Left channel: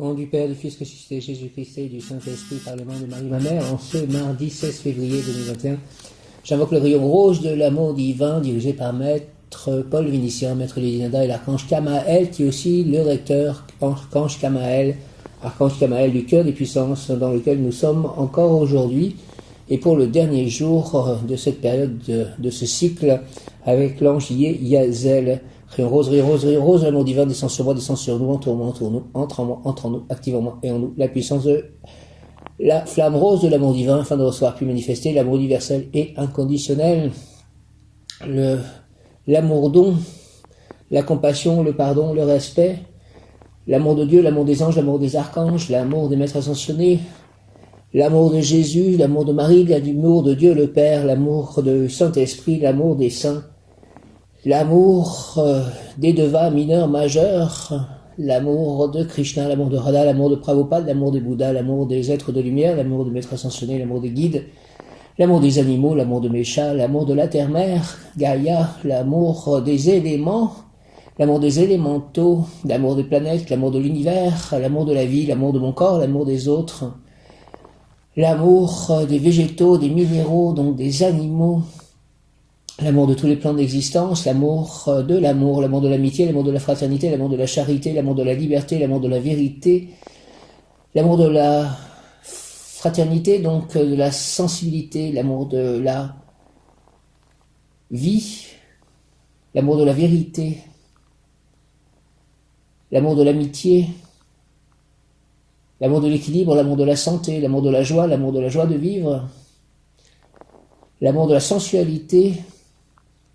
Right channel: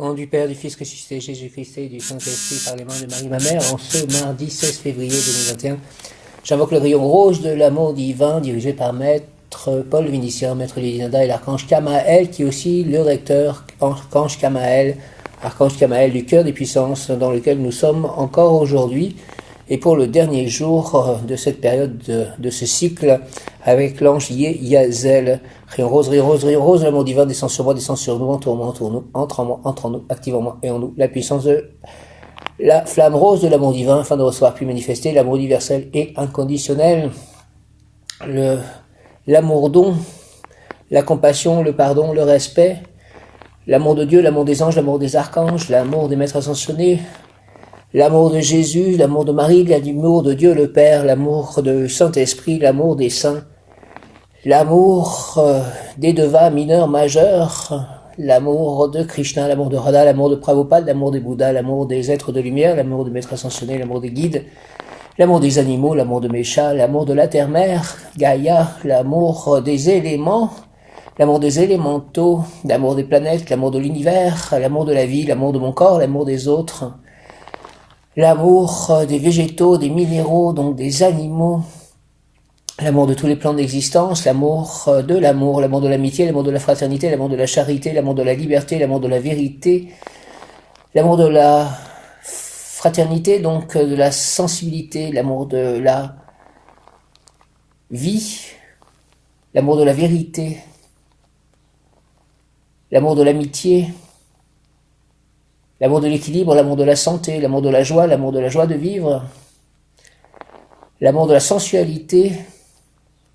Au nom du Père, du Fils ressuscité, Jésus-Christ et du Saint-Esprit, par les mains de Marie, ma mère, en ce mardi 16 février 2021, j'invoque le rayon rose de l'amour divin, dirigé par Maître Paul Vénitien, Maître Léonida et l'Archange Kamaël, qui est aussi le recteur, Archange Kamaël du cœur des puissances, dans lequel nous sommes encore aujourd'hui, et pour le dernier jour de cette période de ce cycle, avec l'ange Yeyazel. Rayon rose, l'amour divin descend sur moi, descend sur nous, entoure-moi, entre en nous, active en moi et en nous la puissance de la flamme rose de l'amour divin, afin de recevoir puis manifester l'amour universel et inconditionnel, l'amour don, la compassion, le pardon, le respect, l'amour de Dieu, l'amour des anges, l'amour des archanges, l'amour des maîtres ascensionnés, l'amour de Jésus, l'amour de Marie, l'amour de Dieu le Père, l'amour de Saint-Esprit, l'amour des saints, l'amour des devas mineurs, majeurs, l'amour de Krishna, l'amour de Radha, l'amour de Prabhupada, l'amour des Bouddhas, l'amour des êtres de lumière, l'amour des maîtres ascensionnés, l'amour des guides, l'amour des animaux, l'amour de Mesha, l'amour de la terre-mère, Gaïa, l'amour des éléments, l'amour des élémentaux, l'amour des planètes, l'amour de l'univers, l'amour de la vie, l'amour de mon corps, l'amour des autres, l'amour des végétaux, des minéraux, donc des animaux, l'amour de tous les plans d'existence, l'amour de l'amitié, l'amour de la fraternité, l'amour de la charité, l'amour de la liberté, l'amour de la vérité, l'amour de la fraternité, donc de la sensibilité, l'amour de la vie, l'amour de la vérité, l'amour de l'amitié, l'amour de l'équilibre, l'amour de la santé, l'amour de la joie de vivre, l'amour de la sensualité,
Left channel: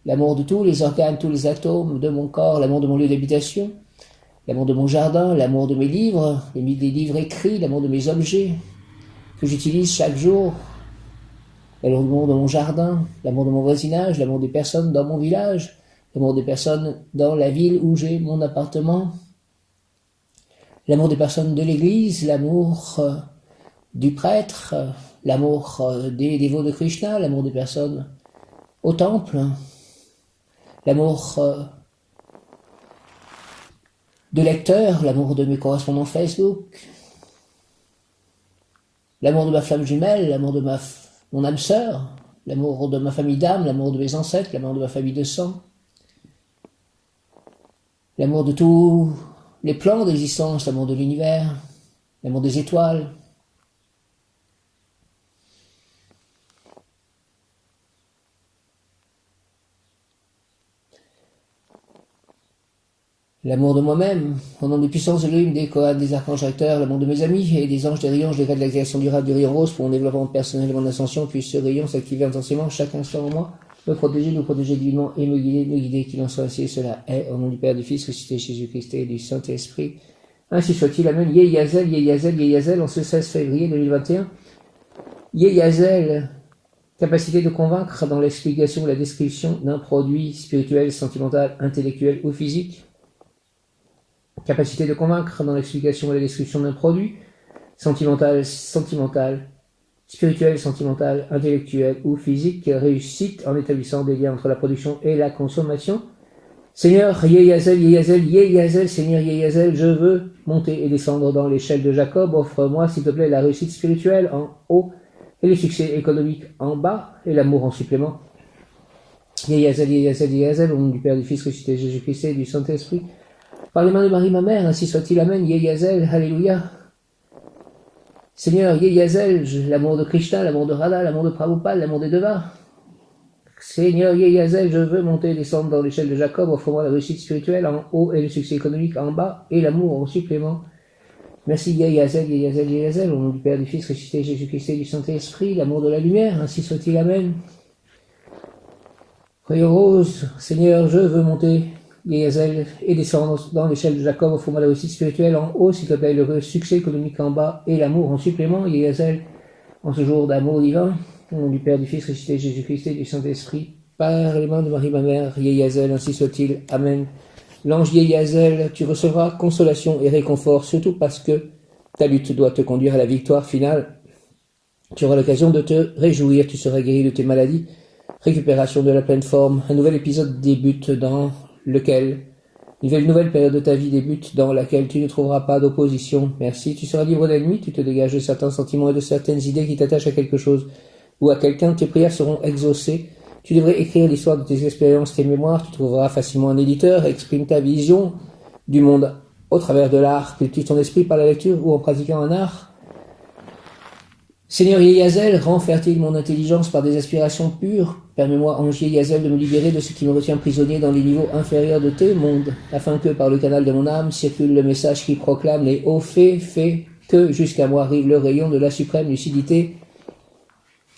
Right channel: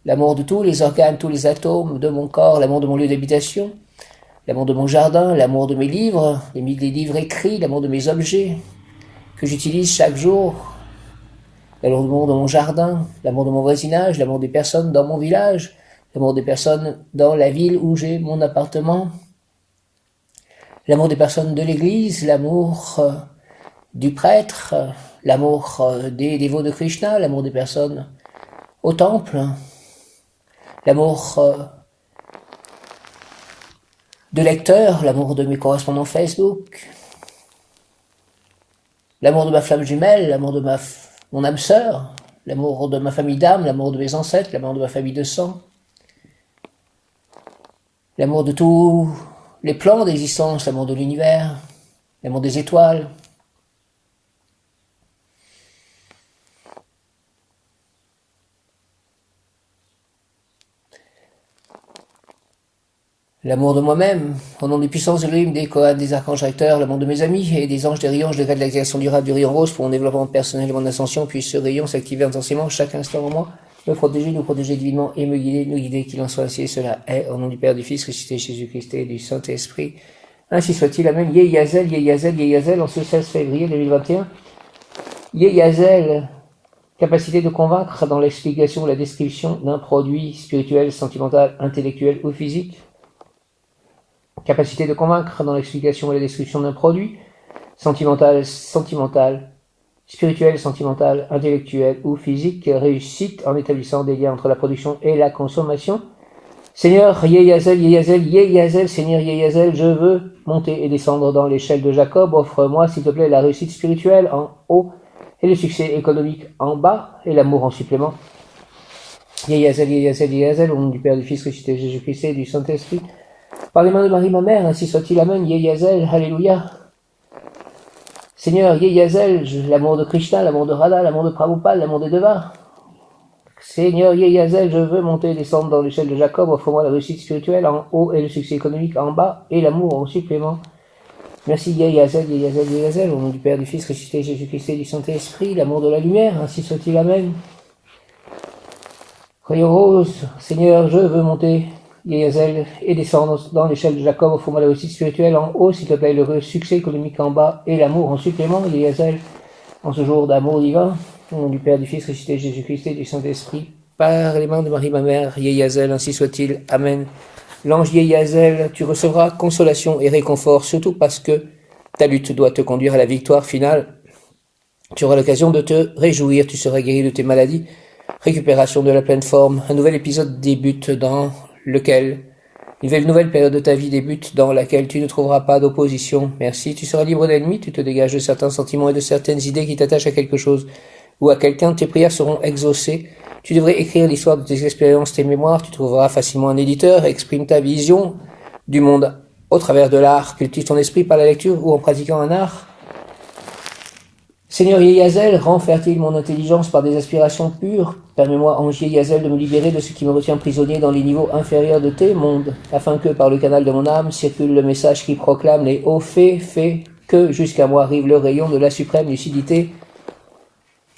l'amour de tous les organes, tous les atomes de mon corps, l'amour de mon lieu d'habitation, l'amour de mon jardin, l'amour de mes livres, les livres écrits, l'amour de mes objets que j'utilise chaque jour, l'amour de mon jardin, l'amour de mon voisinage, l'amour des personnes dans mon village, l'amour des personnes dans la ville où j'ai mon appartement, l'amour des personnes de l'église, l'amour du prêtre, l'amour des dévots de Krishna, l'amour des personnes au temple, l'amour de lecteurs, l'amour de mes correspondants Facebook, l'amour de ma flamme jumelle, l'amour de mon âme sœur, l'amour de ma famille d'âme, l'amour de mes ancêtres, l'amour de ma famille de sang, l'amour de tous les plans d'existence, l'amour de l'univers, l'amour des étoiles, l'amour de moi-même, au nom des puissances de l'hymne, des Kohanes, des archanges recteurs, l'amour de mes amis et des anges, des rayons, je décrète la création durable du rayon rose pour mon développement personnel et mon ascension, puis ce rayon s'activer intensément chaque instant en moi, me protéger, nous protéger divinement et me guider, nous guider, qu'il en soit ainsi et cela est, au nom du Père, du Fils, ressuscité Jésus-Christ et du Saint-Esprit. Ainsi soit-il, Amen. Yeyazel, Yeyazel, Yeyazel, en ce 16 février 2021. Yeyazel, capacité de convaincre dans l'explication ou la description d'un produit spirituel, sentimental, intellectuel ou physique. Capacité de convaincre dans l'explication ou la description d'un produit sentimental, spirituel, sentimental, intellectuel ou physique, réussite en établissant des liens entre la production et la consommation. Seigneur Yeyazel, Yeyazel, Yeyazel, Seigneur Yeyazel, je veux monter et descendre dans l'échelle de Jacob. Offre-moi, s'il te plaît, la réussite spirituelle en haut et le succès économique en bas et l'amour en supplément. Yeyazel, Yeyazel, Yeyazel, au nom du Père, du Fils ressuscité Jésus-Christ et du Saint-Esprit. Par les mains de Marie, ma mère, ainsi soit-il, Amen. Yeyazel, Alléluia. Seigneur Yeyazel, l'amour de Krishna, l'amour de Radha, l'amour de Prabhupada, l'amour des devas. Seigneur Yeyazel, je veux monter et descendre dans l'échelle de Jacob, offre-moi la réussite spirituelle en haut et le succès économique en bas et l'amour en supplément. Merci Yeyazel, Yeyazel, Yeyazel, au nom du Père, du Fils, ressuscité Jésus-Christ et du Saint-Esprit, l'amour de la lumière, ainsi soit-il, Amen. Rayon rose, Seigneur, je veux monter, Yeyazel, et descendre dans l'échelle de Jacob, offre-moi la réussite spirituelle en haut, s'il te plaît, le succès économique en bas et l'amour en supplément, Yeyazel, en ce jour d'amour divin. Au nom du Père, du Fils, ressuscité Jésus-Christ et du Saint-Esprit, par les mains de Marie, ma mère, Yeyazel, ainsi soit-il. Amen. L'ange Yeyazel, tu recevras consolation et réconfort, surtout parce que ta lutte doit te conduire à la victoire finale. Tu auras l'occasion de te réjouir, tu seras guéri de tes maladies. Récupération de la pleine forme. Un nouvel épisode débute dans lequel Une nouvelle période de ta vie débute dans laquelle tu ne trouveras pas d'opposition. Merci, tu seras libre d'ennemis, tu te dégages de certains sentiments et de certaines idées qui t'attachent à quelque chose ou à quelqu'un. Tes prières seront exaucées. Tu devrais écrire l'histoire de tes expériences, tes mémoires. Tu trouveras facilement un éditeur. Exprime ta vision du monde au travers de l'art. Cultive ton esprit par la lecture ou en pratiquant un art. Seigneur Yeyazel, rends fertile mon intelligence par des aspirations pures. Permets-moi, ange Yeyazel, de me libérer de ce qui me retient prisonnier dans les niveaux inférieurs de tes mondes, afin que, par le canal de mon âme, circule le message qui proclame les hauts faits, fait que jusqu'à moi arrive le rayon de la suprême lucidité.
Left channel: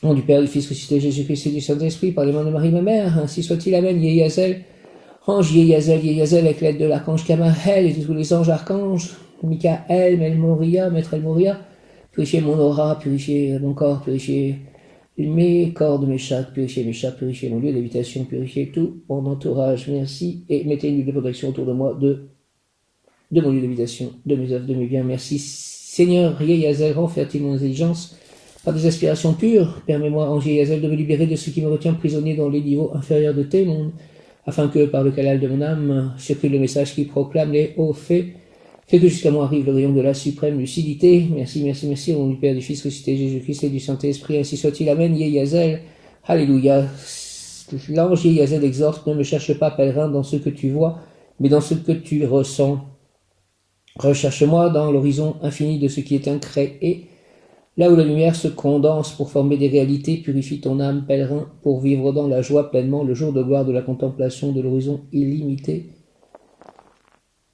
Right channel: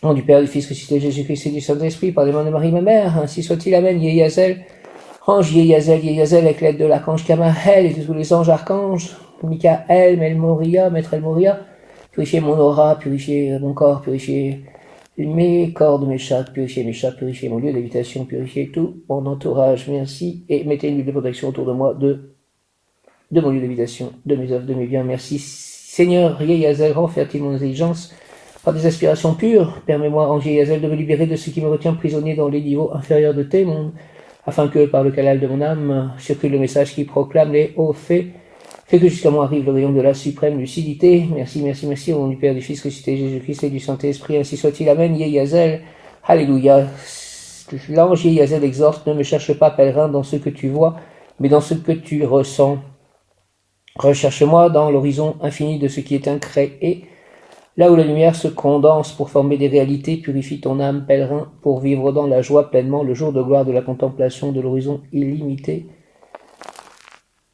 Nom du Père, du Fils ressuscité, Jésus-Christ et du Saint-Esprit, par les mains de Marie, ma mère, ainsi soit-il, Amen. Yeyazel, ange Yeyazel, avec l'aide de l'archange Kamael et de tous les anges archanges, Michael, Melmoria, Maître El Moria, purifier mon aura, purifier mon corps, purifier mes cordes, mes chakras, purifier mon lieu d'habitation, purifier tout mon entourage. Merci. Et mettez une huile de protection autour de moi, de mon lieu d'habitation, de mes œuvres, de mes biens. Merci. Seigneur Yeyazel, rends fertile mon intelligence par des aspirations pures. Permets-moi, ange Yeyazel, de me libérer de ce qui me retient prisonnier dans les niveaux inférieurs de tes mondes, afin que, par le canal de mon âme, circule le message qui proclame les hauts faits. Fais que jusqu'à moi arrive le rayon de la suprême lucidité. Merci, merci, merci, au nom du Père, du Fils ressuscité, Jésus-Christ et du Saint-Esprit, ainsi soit-il. Amen. Yeyazel. Alléluia. L'ange Yeyazel exhorte, ne me cherche pas, pèlerin, dans ce que tu vois, mais dans ce que tu ressens. Recherche-moi dans l'horizon infini de ce qui est incréé, là où la lumière se condense pour former des réalités. Purifie ton âme, pèlerin, pour vivre dans la joie pleinement le jour de gloire de la contemplation de l'horizon illimité.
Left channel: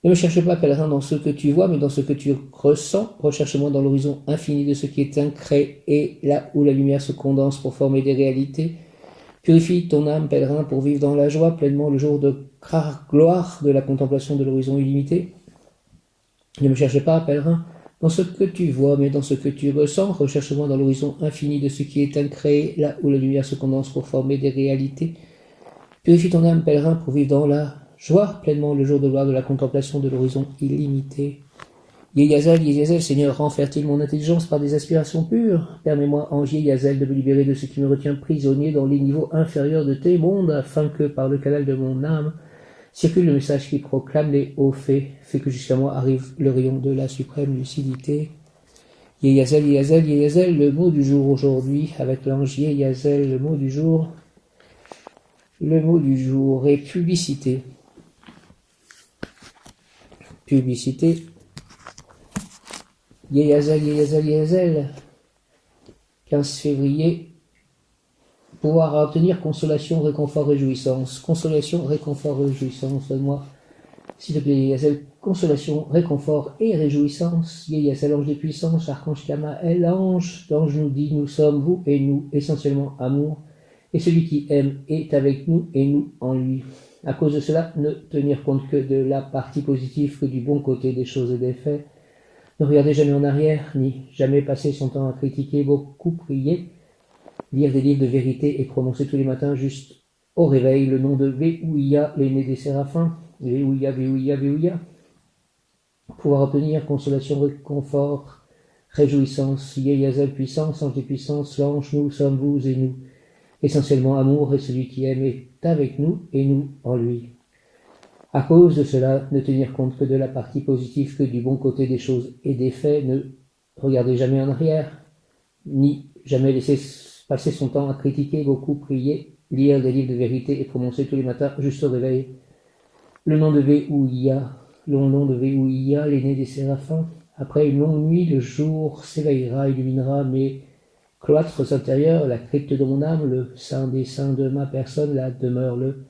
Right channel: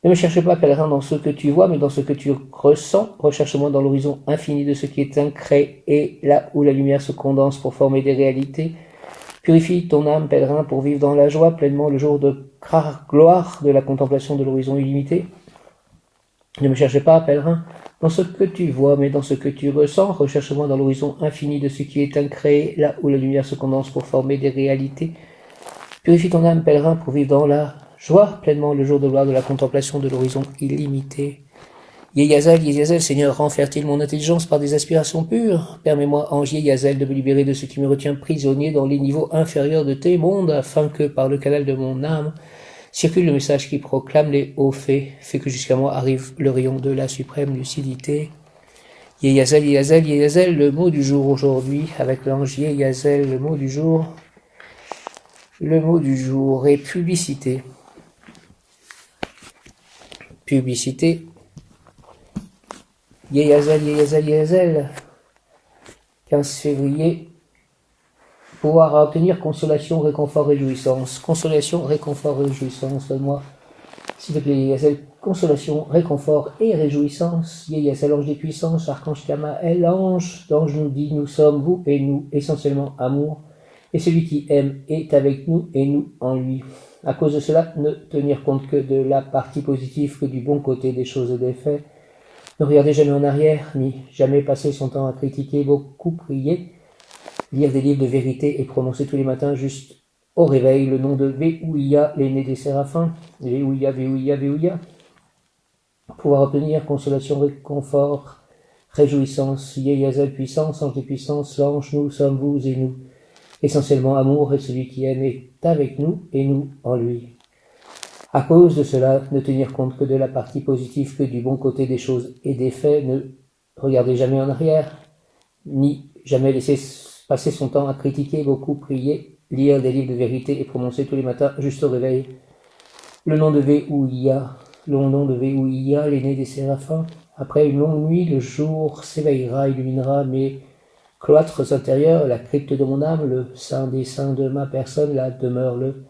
Ne me cherche pas, pèlerin, dans ce que tu vois, mais dans ce que tu ressens. Recherche-moi dans l'horizon infini de ce qui est incréé, là où la lumière se condense pour former des réalités. Purifie ton âme, pèlerin, pour vivre dans la joie pleinement le jour de gloire de la contemplation de l'horizon illimité. Ne me cherche pas, pèlerin, dans ce que tu vois, mais dans ce que tu ressens. Recherche-moi dans l'horizon infini de ce qui est incréé, là où la lumière se condense pour former des réalités. Purifie ton âme, pèlerin, pour vivre dans la joie pleinement le jour de gloire de la contemplation de l'horizon illimité. Yeyazel, Seigneur, rends fertile mon intelligence par des aspirations pures. Permets-moi, ange Yeyazel, de me libérer de ce qui me retient prisonnier dans les niveaux inférieurs de tes mondes, afin que, par le canal de mon âme, circule le message qui proclame les hauts faits. Fais que jusqu'à moi arrive le rayon de la suprême lucidité. Yeyazel, le mot du jour aujourd'hui, avec l'ange Yeyazel, le mot du jour. Le mot du jour est publicité. Publicité. Yeyazel. 15 février. Pouvoir obtenir consolation, réconfort, réjouissance. Consolation, réconfort, réjouissance. Donne-moi, s'il te plaît, Yeyazel, consolation, réconfort et réjouissance. Yeyazel, ange des puissances, archange Kamael, l'ange nous dit, nous sommes vous et nous, essentiellement amour. Et celui qui aime est avec nous et nous en lui. À cause de cela, ne tenir compte que de la partie positive, que du bon côté des choses et des faits. Ne regardez jamais en arrière, ni jamais passer son temps à critiquer, beaucoup prier, lire des livres de vérité et prononcer tous les matins juste au réveil le nom de Véouïa, l'aîné des séraphins. Véouïa. Pouvoir obtenir consolation, réconfort, réjouissance. Yeyazel, puissance, ange des puissances, l'ange, nous sommes vous et nous. Essentiellement amour, et celui qui aime est avec nous et nous en lui. À cause de cela, ne tenir compte que de la partie positive, que du bon côté des choses et des faits. Ne regardez jamais en arrière, ni jamais laisser passer son temps à critiquer, beaucoup prier, lire des livres de vérité et prononcer tous les matins juste au réveil le nom de Véouïa, l'aîné des séraphins. Après une longue nuit, le jour s'éveillera, illuminera mes cloîtres intérieurs, la crypte de mon âme, le sein des saints de ma personne, la demeure, le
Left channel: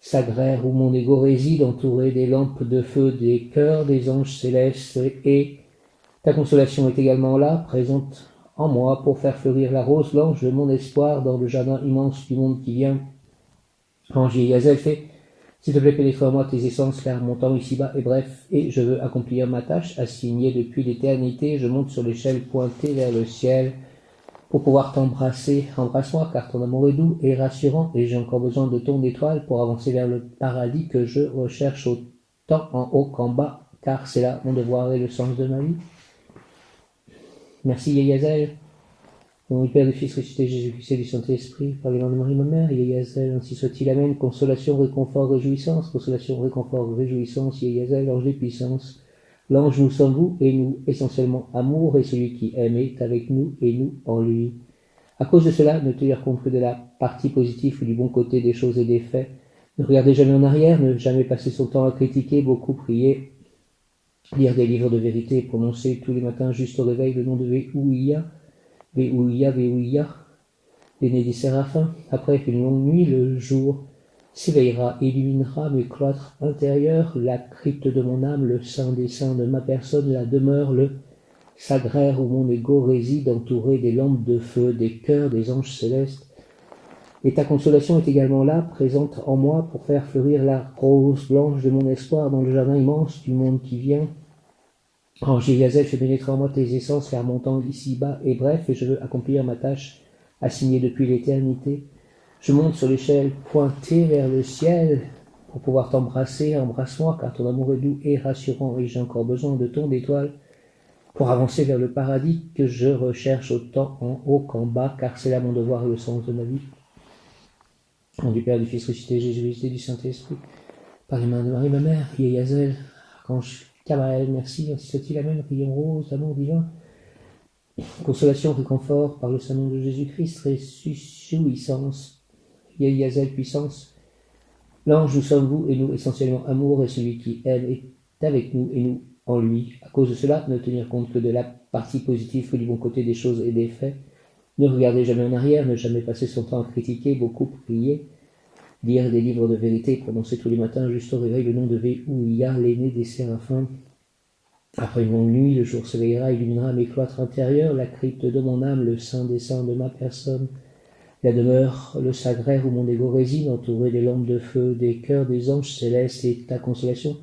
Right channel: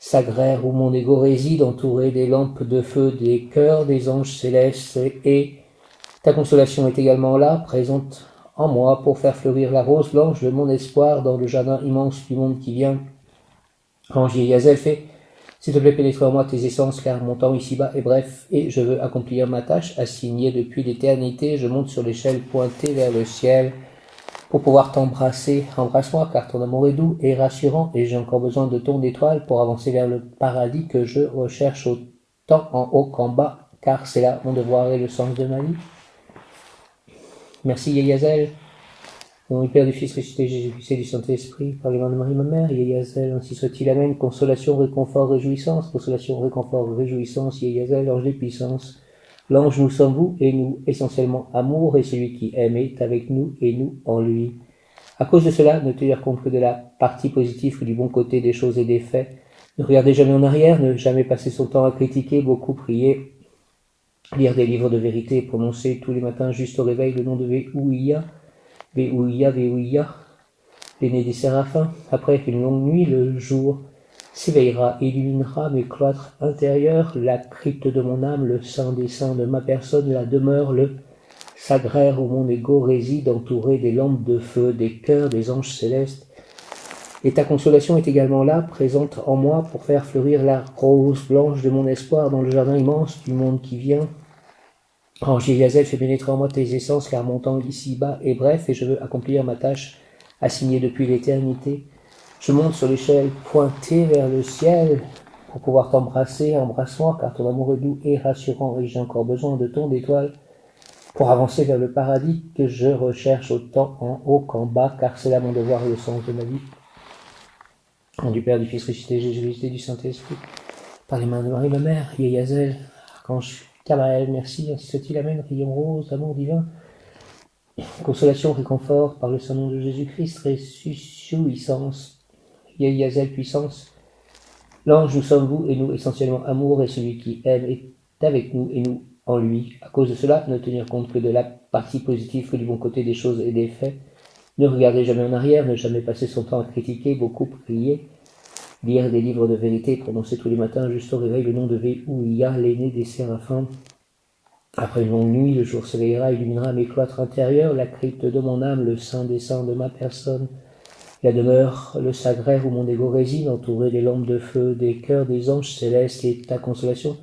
sagraire où mon ego réside, entouré des lampes de feu, des cœurs, des anges célestes, et ta consolation est également là, présente en moi, pour faire fleurir la rose blanche de mon espoir dans le jardin immense du monde qui vient. Ange Yeyazel, fais, s'il te plaît, pénétrer en moi tes essences, car mon temps ici-bas est bref, et je veux accomplir ma tâche assignée depuis l'éternité. Je monte sur l'échelle pointée vers le ciel, pour pouvoir t'embrasser. Embrasse-moi, car ton amour est doux et rassurant, et j'ai encore besoin de ton étoile pour avancer vers le paradis que je recherche autant en haut qu'en bas, car c'est là mon devoir et le sens de ma vie. Merci Yeyazel. Au nom du Père, du Fils, ressuscité Jésus-Christ et du Saint-Esprit, par les mains de Marie, ma mère, Yazel, ainsi soit-il, Amen. Consolation, réconfort, réjouissance, consolation, réconfort, réjouissance, Yazel, ange des puissances. L'ange, nous sommes vous et nous, essentiellement amour, et celui qui aime est avec nous et nous en lui. À cause de cela, ne tenir compte que de la partie positive, que du bon côté des choses et des faits. Ne regardez jamais en arrière, ne jamais passer son temps à critiquer, beaucoup prier, lire des livres de vérité, prononcer tous les matins juste au réveil le nom de Véouïa, Véouïa, Véouïa, l'aîné des séraphins. Après une longue nuit, le jour s'éveillera et illuminera mes cloîtres intérieurs, la crypte de mon âme, le sein des saints de ma personne, la demeure, le sagraire où mon ego réside, entouré des lampes de feu, des cœurs, des anges célestes. Et ta consolation est également là, présente en moi, pour faire fleurir la rose blanche de mon espoir dans le jardin immense du monde qui vient. Ange Yazel, fais pénétrer en moi tes essences, car mon temps ici-bas est bref, et je veux accomplir ma tâche assignée depuis l'éternité. Je monte sur l'échelle pointée vers le ciel, pour pouvoir t'embrasser, embrasse-moi, car ton amour est doux et rassurant, et j'ai encore besoin de ton étoile, pour avancer vers le paradis que je recherche autant en haut qu'en bas, car c'est là mon devoir et le sens de ma vie. Au nom du Père, du Fils ressuscité, Jésus-Christ et du Saint-Esprit, par les mains de Marie, ma mère, Yazel, archange Gabriel, merci, ainsi soit-il, Amen, rayon rose, amour divin, consolation, réconfort, par le Saint-Nom de Jésus-Christ, réjouissance, Yazel, puissance, l'ange, nous sommes vous et nous, essentiellement amour, et celui qui aime est avec nous et nous en lui. À cause de cela, ne tenir compte que de la partie positive, que du bon côté des choses et des faits. Ne regardez jamais en arrière, ne jamais passer son temps à critiquer, beaucoup prier, lire des livres de vérité, prononcer tous les matins juste au réveil le nom de Véouïa, l'aîné des séraphins. Après une longue nuit, le jour s'éveillera, illuminera mes cloîtres intérieurs, la crypte de mon âme, le sein des saints de ma personne, la demeure, le sagraire où mon ego réside, entouré des lampes de feu, des cœurs, des anges célestes, et ta consolation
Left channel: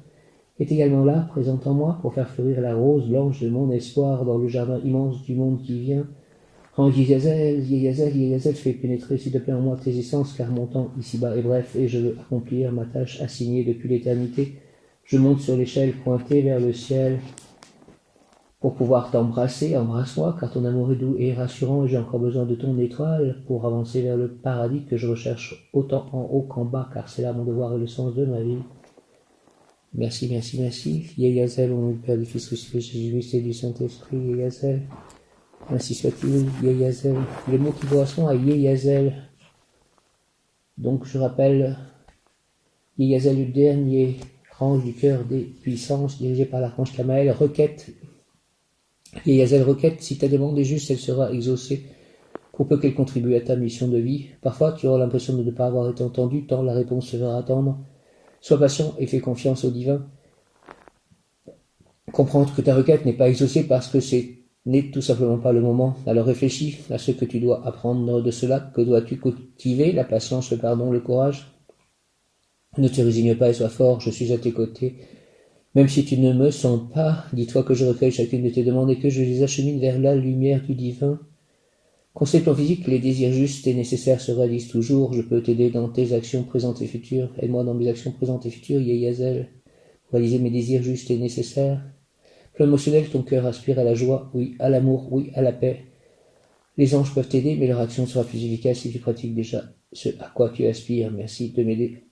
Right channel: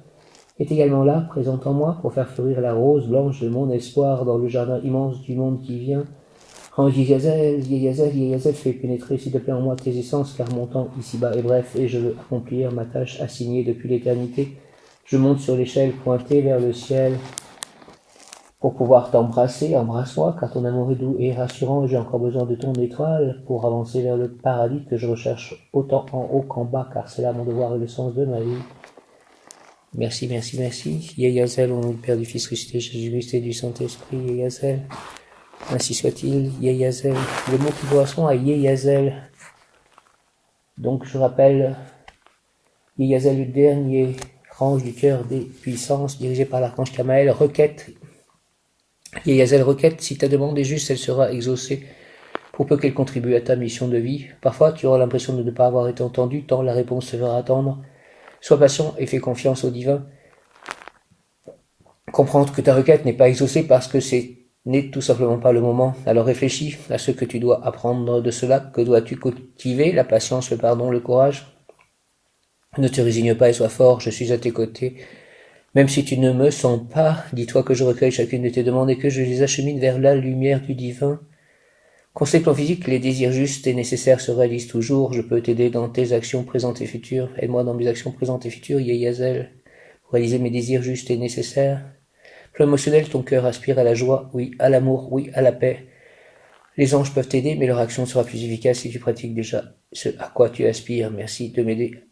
est également là, présente en moi, pour faire fleurir la rose blanche de mon espoir dans le jardin immense du monde qui vient. Ange Yazel, fais pénétrer s'il te plaît en moi tes essences, car mon temps ici-bas est bref, et je veux accomplir ma tâche assignée depuis l'éternité. Je monte sur l'échelle pointée vers le ciel, pour pouvoir t'embrasser, embrasse-moi, car ton amour est doux et rassurant, et j'ai encore besoin de ton étoile pour avancer vers le paradis que je recherche autant en haut qu'en bas, car c'est là mon devoir et le sens de ma vie. Merci, merci, merci. Yazel, au nom du Père, du Fils ressuscité, Jésus-Christ et du Saint-Esprit, Yazel. Ainsi soit-il, Yazel. Le mot qui correspond à Yazel. Donc je rappelle, Yazel, le dernier ange du cœur des puissances, dirigé par l'archange Kamaël, requête. Yazel requête, si ta demande est juste, elle sera exaucée, pour peu qu'elle contribue à ta mission de vie. Parfois, tu auras l'impression de ne pas avoir été entendu, tant la réponse se fera attendre. Sois patient et fais confiance au divin. Comprendre que ta requête n'est pas exaucée parce que ce n'est tout simplement pas le moment. Alors réfléchis à ce que tu dois apprendre de cela. Que dois-tu cultiver? La patience, le pardon, le courage. Ne te résigne pas et sois fort, je suis à tes côtés. Même si tu ne me sens pas, dis-toi que je recueille chacune de tes demandes et que je les achemine vers la lumière du divin. Conséquent physique, les désirs justes et nécessaires se réalisent toujours. Je peux t'aider dans tes actions présentes et futures. Aide-moi dans mes actions présentes et futures, Yazel, pour réaliser mes désirs justes et nécessaires. Plan émotionnel, ton cœur aspire à la joie, oui, à l'amour, oui, à la paix. Les anges peuvent t'aider, mais leur action sera plus efficace si tu pratiques déjà ce à quoi tu aspires. Merci de m'aider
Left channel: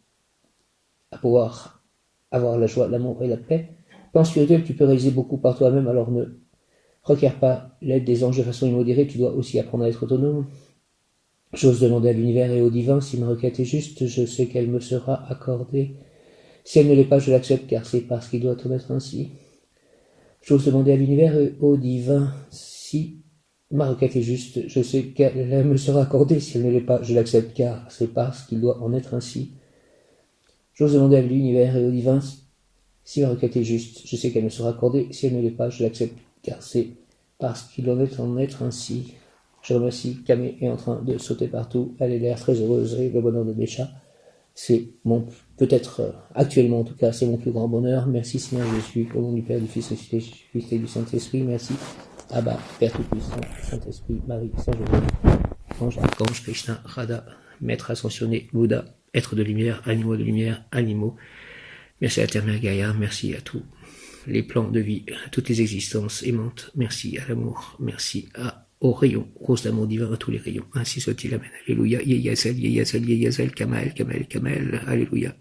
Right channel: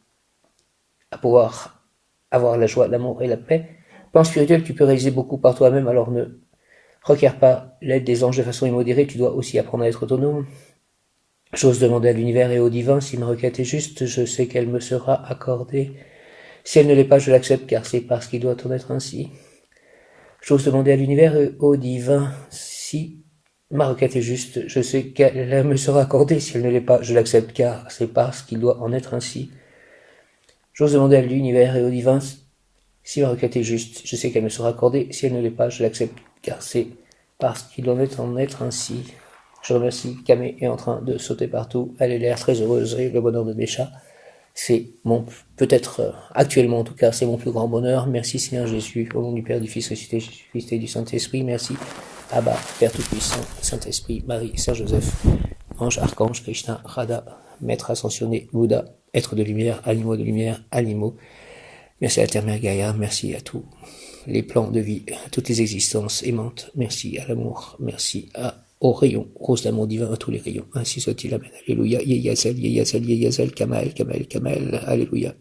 à pouvoir avoir la joie, l'amour et la paix. Plan spirituel, tu peux réaliser beaucoup par toi-même, alors ne requiert pas l'aide des anges de façon immodérée, tu dois aussi apprendre à être autonome. J'ose demander à l'univers et au divin, si ma requête est juste, je sais qu'elle me sera accordée. Si elle ne l'est pas, je l'accepte, car c'est parce qu'il doit en être ainsi. J'ose demander à l'univers et au divin, si ma requête est juste, je sais qu'elle me sera accordée. Si elle ne l'est pas, je l'accepte, car c'est parce qu'il doit en être ainsi. J'ose demander à l'univers et au divin, si ma requête est juste, je sais qu'elle me sera accordée. Si elle ne l'est pas, je l'accepte, car c'est parce qu'il doit en être ainsi. Je remercie Camé est en train de sauter partout. Elle a l'air très heureuse et le bonheur de Bécha. C'est mon, peut-être actuellement en tout cas, c'est mon plus grand bonheur. Merci Seigneur Jésus, au nom du Père, du Fils ressuscité, Jésus-Christ et du Saint-Esprit. Merci Abba, Père Tout-Puissant, Saint-Esprit, Marie, Saint-Joseph, Ange, Archange, Krishna, Radha, Maître ascensionné, Bouddha, être de lumière, animaux. Merci à la Terre Mère Gaïa, merci à tous les plans de vie, à toutes les existences aimantes. Merci à l'amour, merci à Au rayon, rose d'amour divin à tous les rayons. Ainsi soit-il, amen. Alléluia, Yeyazel, Yeyazel, Yeyazel, Kamel, Kamel, Kamel, Alléluia.